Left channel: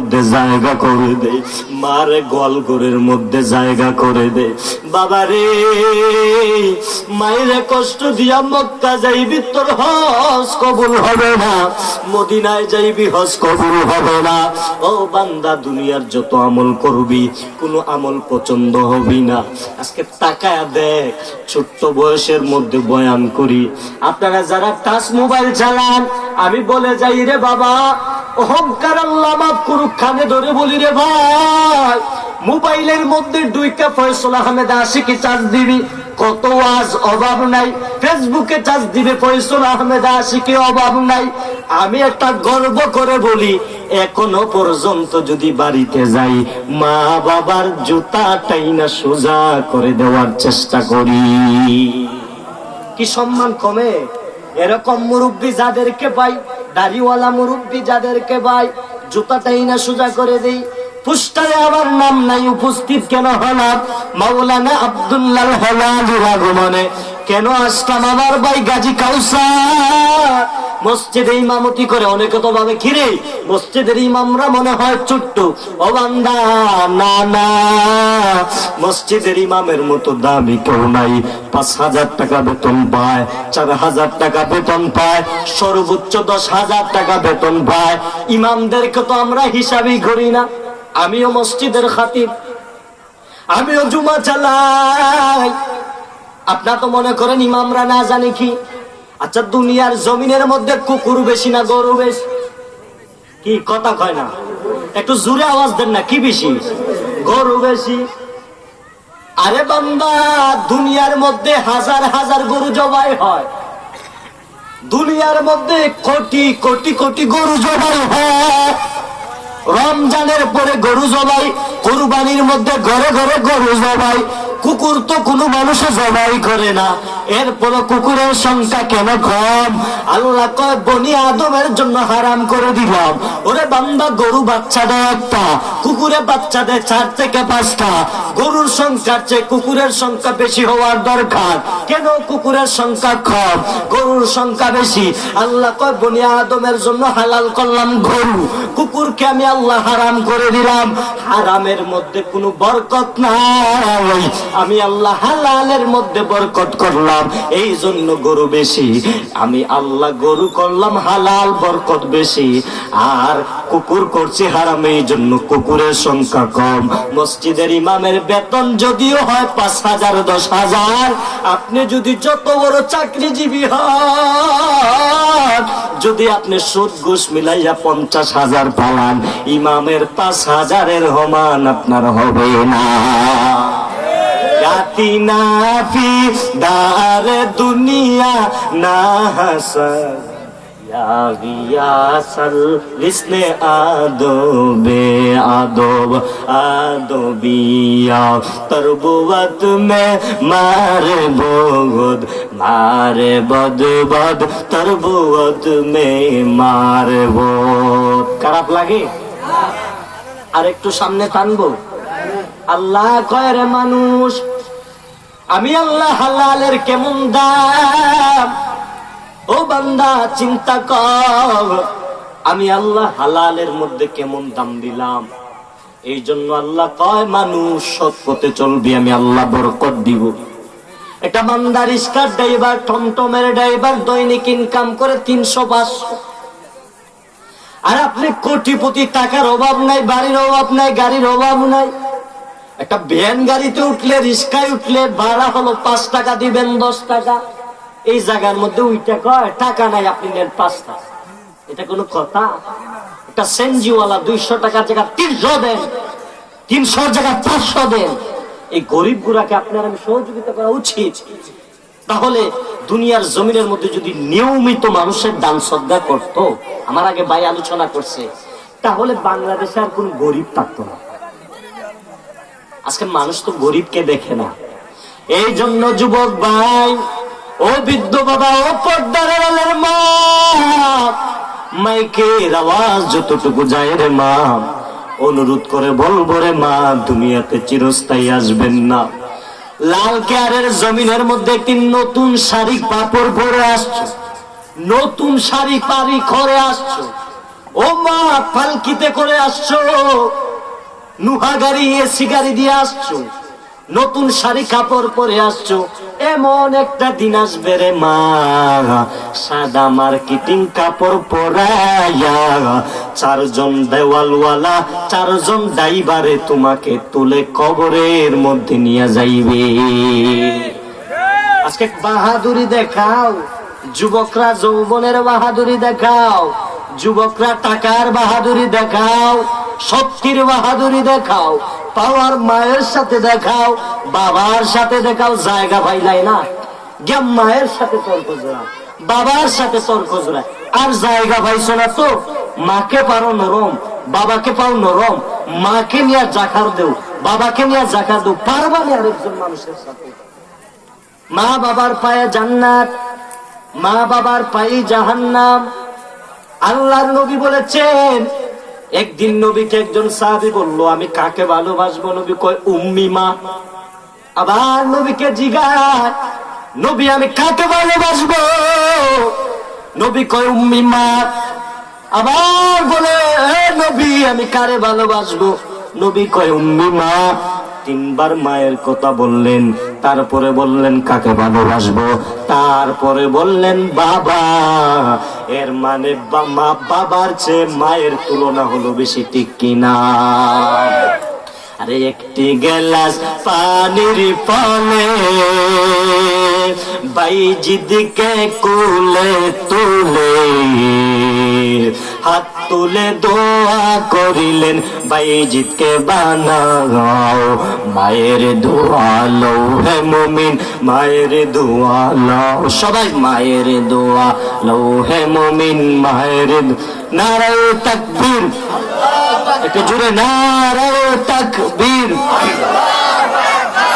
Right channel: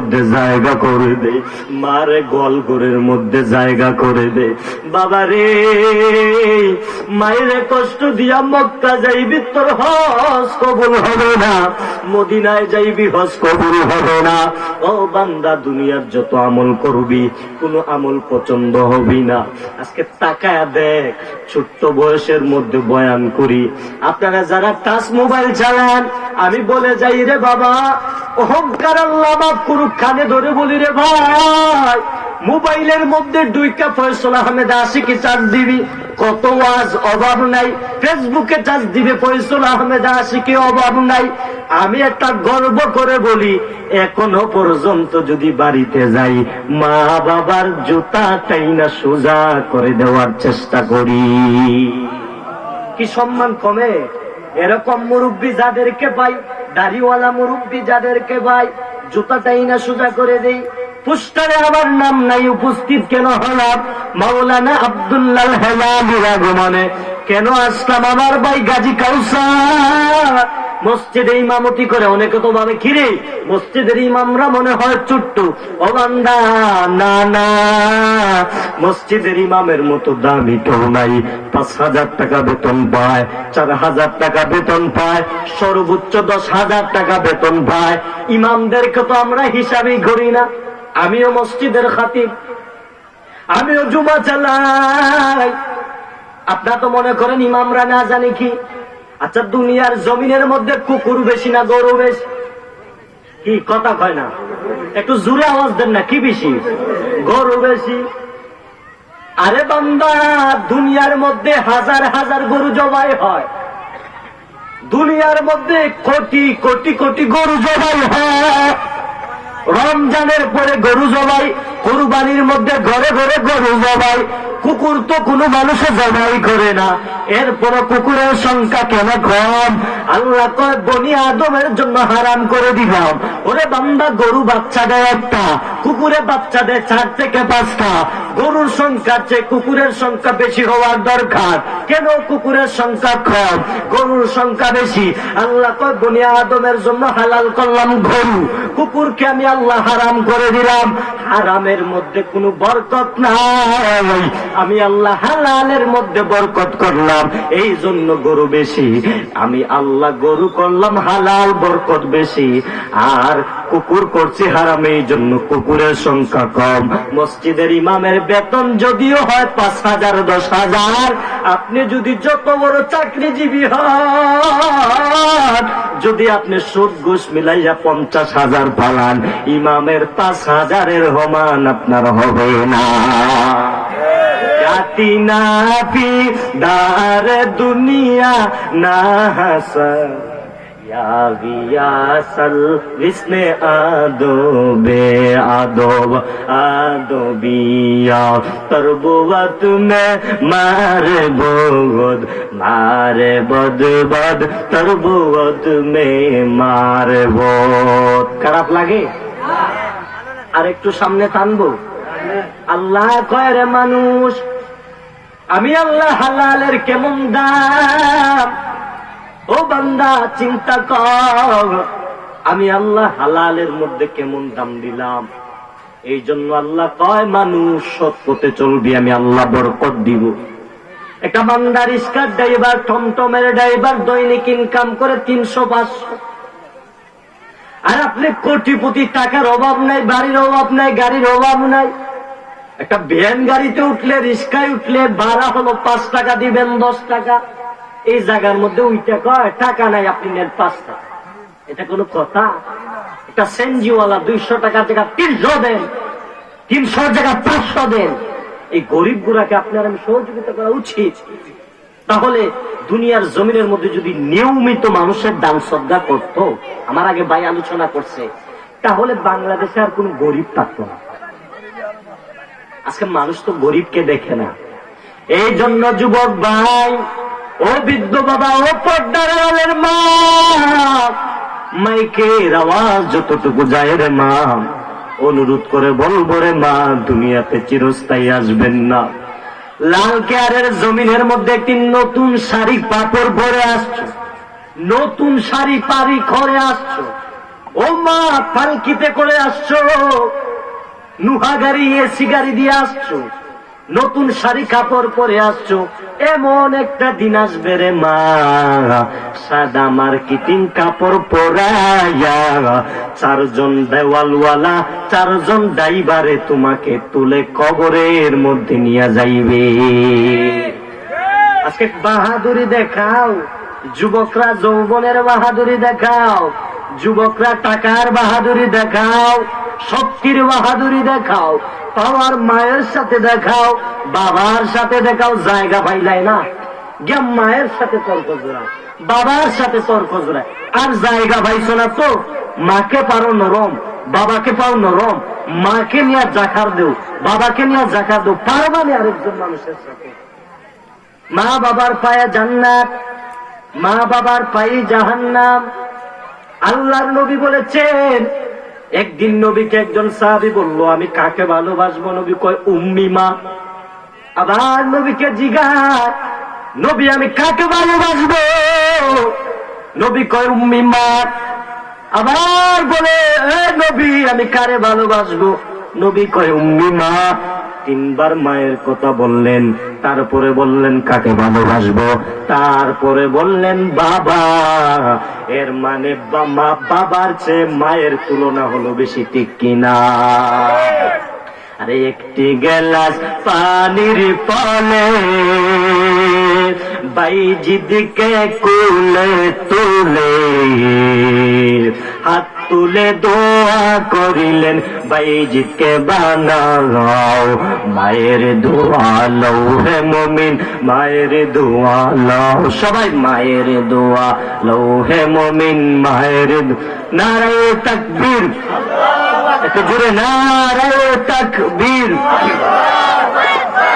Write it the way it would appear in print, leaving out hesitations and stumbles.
মধ্যে জায়গা করে দে, মারে গোয়ালঘরের মধ্যে জায়গা করে দে। বাবা রে, মায়ের কষ্ট দিয়া মক্কা যাইবি, তোর হজ কবুল হবে না। মদিনায় যাইবি, হজ কবুল হবে না। ও বান্দা, দুনিয়ার যত আমল করবি, কোন আমল পছন্দ হবি না। আজকে তাকায়া দেখ, ছোট্ট বয়সের মধ্যে বয়ান করি। আপনারা যারা টাচ মোবাইল চালান, আমি বলে যাই রে বাবা, অহংকার আল্লাহ মাফ করুক, কানে ধরে বলি রে ভাই, মোবাইলের মধ্যে ডুইকা ফয়সাল আহমেদ আশিকি চার্জ দিবি, কত ওয়াজ অভাব নাই। ফেসবুকে চার্জ দিবে ফয়সাল আহমেদ আশিকি, অভাব নাই। আমি একটা গর্ব করে বলি, এখনো পর্যন্ত যদি বাড়িতে যাই, মা বাবার জুতাটাই না সোজা করে দেওয়ার চেষ্টা করি। কি সম্মান কমে? এরকম মুরব্বী যাদেরকে পাই, দাড়িওয়ালা মুরব্বী যাদেরকে পাই, জুতাটাই না সোজা করে দেই। পুস্টারে আমার নাম নাই, উপস্থিত কেন হলাম? মাওলানা আব্দুল্লাহ হেলালির আগমনে কেন আসলাম? আমার ভাই গাজী কাউসার মসজিদে ইমামতি করে। অনেকে তো ভাবে খিরে মসজিদের ইমামরা মনে হয় চুট্টু। ও বান্দা, না না, মসজিদের ইমামের মতো দামি কেউ নাই। 5,000 টাকা বেতন পায়, 4,000 টাকা বেতন পায়, সর্বোচ্চ 10,000 টাকা বেতন পায়। ইমামদেরকে তো আমরা হিসাবই করি না। আমিও মসজিদের খাতিব, আমিও জুমা চালাই। আপনারা তো মনে করেন ইমামরা না জানে কি? আচ্ছা, দুনিয়ার জমিনের মধ্যে কুকুর বেশি না গরু বেশি? কি কথা কয় না? একটু জোরে আওয়াজ দেন না, কি বেশি? গরু বেশি। আরে বান্দা, দুনিয়ার মধ্যে হাজার হাজার গরু জবাই হয়, দুনিয়ার মধ্যে কোটি কোটি কোটি গরু জবাই হয়। রমজানের পরে গরু জবাই, কুরবানির মধ্যে ঘরে ঘরে গরু জবাই। কুকুর তো কোনো মানুষে জবাই করে না, এরপর কুকুরের সংখ্যা কেন কম? আল্লাহ কয় বনি আদমের জন্য হারাম করে দিলাম। ওরে বান্দা, গরু বাচ্চা দেয় একটা, কুকুরে বাচ্চা দেয় 4 থেকে 5টা। গরুর সংখ্যার চেয়ে কুকুরের সংখ্যা বেশি হওয়ার দরকার। কেন কুকুরের সংখ্যা কম, গরুর সংখ্যা বেশি? আল্লাহ কয় বনি আদমের জন্য হালাল করলাম গরু, কুকুরকে আমি আল্লাহ হারাম করে দিলাম। হারামের মধ্যে কোনো বরকত নাই, আমি আল্লাহ হালালের মধ্যে বরকত করলাম, এই জন্য গরু বেশি। আমি আল্লাহ গরু করলাম হালাল, বরকত বেশি। আর কুকুর করছি হারাম, এই জন্য কুকুরের সংখ্যা কম। মসজিদের ইমামের বেতন যদিও হয় 5,000 10,000, আপনি যদি যত বড় চাকরিজীবী হন, যদি আপনি সুদ ঘুষ মিলাইয়া 50,000 পালান, ইমামের 5,000-এর সমান আপনার হবে না। আতিনা ফি দার দুনিয়া না হাসা ইয়া গিয়াসাল লিসনে আদবে আদব আদবিয়া তরবুয়াত মে মারে বগদ মারে বদ বদ তরবুয়াত মে মারে বদ। খারাপ লাগে? আর একটু সামনে টানবো। আল্লাহ কয় রে মানুষ, আমি আল্লাহ হালালের কেমন দাম? ও বান্দা, চিন্তা কর, আমি আল্লাহ হালালের মধ্যে কেমন দাম দিলাম। এই জন্য আল্লাহ কয় মানুষ সৎ পথে চলবি, আমি আল্লাহ বরকত দিব। একটা বান্দা রিস্কার ড্রাইভার, টমটমের ড্রাইভার, দৈনিক ইনকাম করে 300-500। আর আপনি কোটিপতি, টাকার অভাব নাই, বাড়ির অভাব নাই, গাড়ির অভাব নাই। একটা ভ্যান গাড়িতে উঠলে, রিস্কায় উঠলে ভাড়া হলো 5 টাকা দিবেন, 10 টাকা। এই জায়গার মধ্যে উইটা কয় টাকা নাই, আপনি নেন 5 টাকা। এটা কোনো কথা? একটা সেনজিওয়ালা 200 টাকার জায়গা 300 দেন, 300 জায়গা 500 দেন। এই গরিব গুড়াকে আপনার আমি সহযোগিতা করা উচিত। তাহলে দুনিয়ার জমিনের মধ্যে যদি নিয়মিত মানুষের দান শ্রদ্ধা করত, আমার আগে ভাই আলোচনা করছে, তাহলে বাংলাদেশে আর কোন গরিব থাকতো না। আজকে মানুষ তো গরিবকে দেখে না। এই জন্য যুবক ভাই, ও বৃদ্ধ বাবা, ও পর্দার আড়ালের মা, মাইকের আওয়াজ যতটুকু যায় রে মা, অনুরোধ করে বলবো রে মা, দুনিয়াতে চিরস্থায়ী আসবেন না। লাল কেয়ারের জমিনের মধ্যে একটি নতুন শাড়ি কাপড় পরে আসছো, নতুন শাড়ি পারি করে আসছো, ও মা পালকিতে করে আসছো, নুহা গাড়ি এসি গাড়ি দিয়ে আসছো, নতুন শাড়ি কাপড় পরে আসছো, এমন একটা দিন আসবে রে মা, সাদা মার্কেটিং কাপড় পরাইয়া চারজন দেওয়ালওয়ালা, চারজন ড্রাইভারে তোমাকে তুলে কবরের মধ্যে নিয়ে যাইবে। আজকে বাহাদুরি দেখাও, যুবকরা যৌবনের বাহাদুরি দেখাও, যুবকরা টাকার বাহাদুরি দেখাও, শক্তির বাহাদুরি দেখাও, পাওয়ার মায়ের সাথে দেখাও, বাবার সাথে দেখাও, জায়গা পাইলাই না জ্ঞান মায়ের সাথে তর্ক জোড়ায়, বাবার সাথে তর্ক জোড়ায়, আর জায়গা পাইছো না তো মাকে পারো নরম, বাবাকে পাও নরম, মাকে নিয়ে জাকার দেও, বাবাকে নিয়ে জাকার দেও, পারবা না আরেকজন মানুষের সাথে। মা বাবার পায়ে জান্নাত, মা বাবার পায়ে জাহান্নাম। আল্লাহর নবী বলেছেন, একদিন নবীকে একজন সাহাবী বলল, আমি কাকে ভালোবাসবো? নবী কয় উম্মি মা। আবার নবীকে জিজ্ঞাসা, নবী আমি কাকে ভালোবাসবো? নবী কয় উম্মি মা। আবার বলে, এ নবী আমি কারে ভালোবাসবো? নবী কয় উম্মি মা। তিনবার মায়ের কথা বললেন, তারপরে বললেন কাকে ভালোবাসবো, তারপরে বললেন বাবা। এর মানে মা বাবার চেয়ে মায়ের তুলনা হলো বেশি, ঠিক কিনা? আরে একটি গ্লাস পানির পানে বাইজিদকে কোলে তুলে হাত তুলে দোয়া করিলেন, বাইজিদকে বানাও, মায়ের দোয়া লও হে মুমিন, মায়ের দোয়া লও, সবাই মায়ের দোয়া লও হে মুমিন, মায়ের। নারায়ে তাকবীর, একটু জোরে নারায়ে তাকবীর।